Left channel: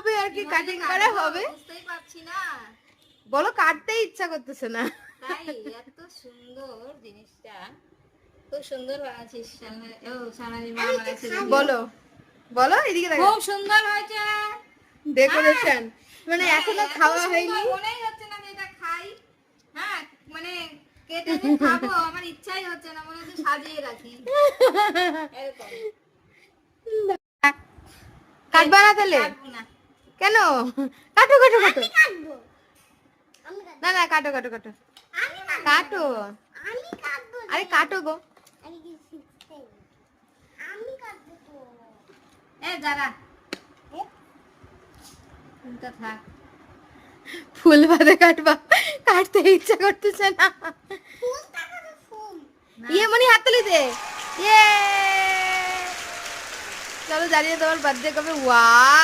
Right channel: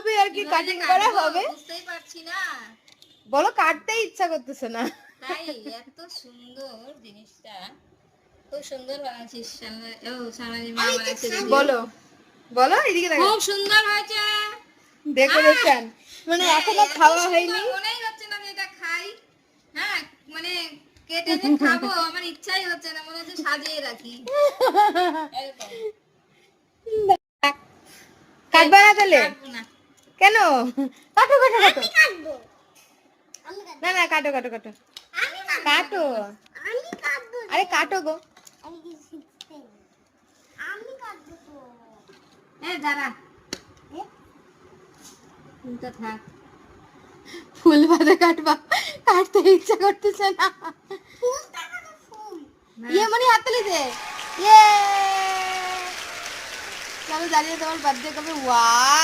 এইভাবে আর কি কাটিং করা হবে। বুঝতেই পারছি না, বলো কাটতে ইচ্ছা করতেছে না তাই এত সুন্দর জিনিসটা, খুব সুন্দর বানাচ্ছিস সামাজি মা বানাচ্ছে। বলো বলো এদিকে দেখো, খুব সুন্দর হয়েছে ডেকোরেশন মানে এখনো খাওয়া হয়নি। মনেই হচ্ছে না যে এটা খাই, হ্যাঁ মানে কেটে যে খাবো আমার ইচ্ছাই হচ্ছে না, মনে হচ্ছে সাজিয়ে রাখি এরকম। কাটবা না তাহলে? কাটবো না। কেন? কাটো কাটো কাটো, না না কাটো কাটো কাটো কাটো, আরে কাটো গো। এই দাঁড়া, তো থাক। ফুল বাদে কাটবা, কাটতে ইচ্ছা করতেছে না। ইয়ে মনি হাত তুলে দে, ইয়ে চলো দাঁড়িয়ে তোমার বার্থডে করবে। ওয়াও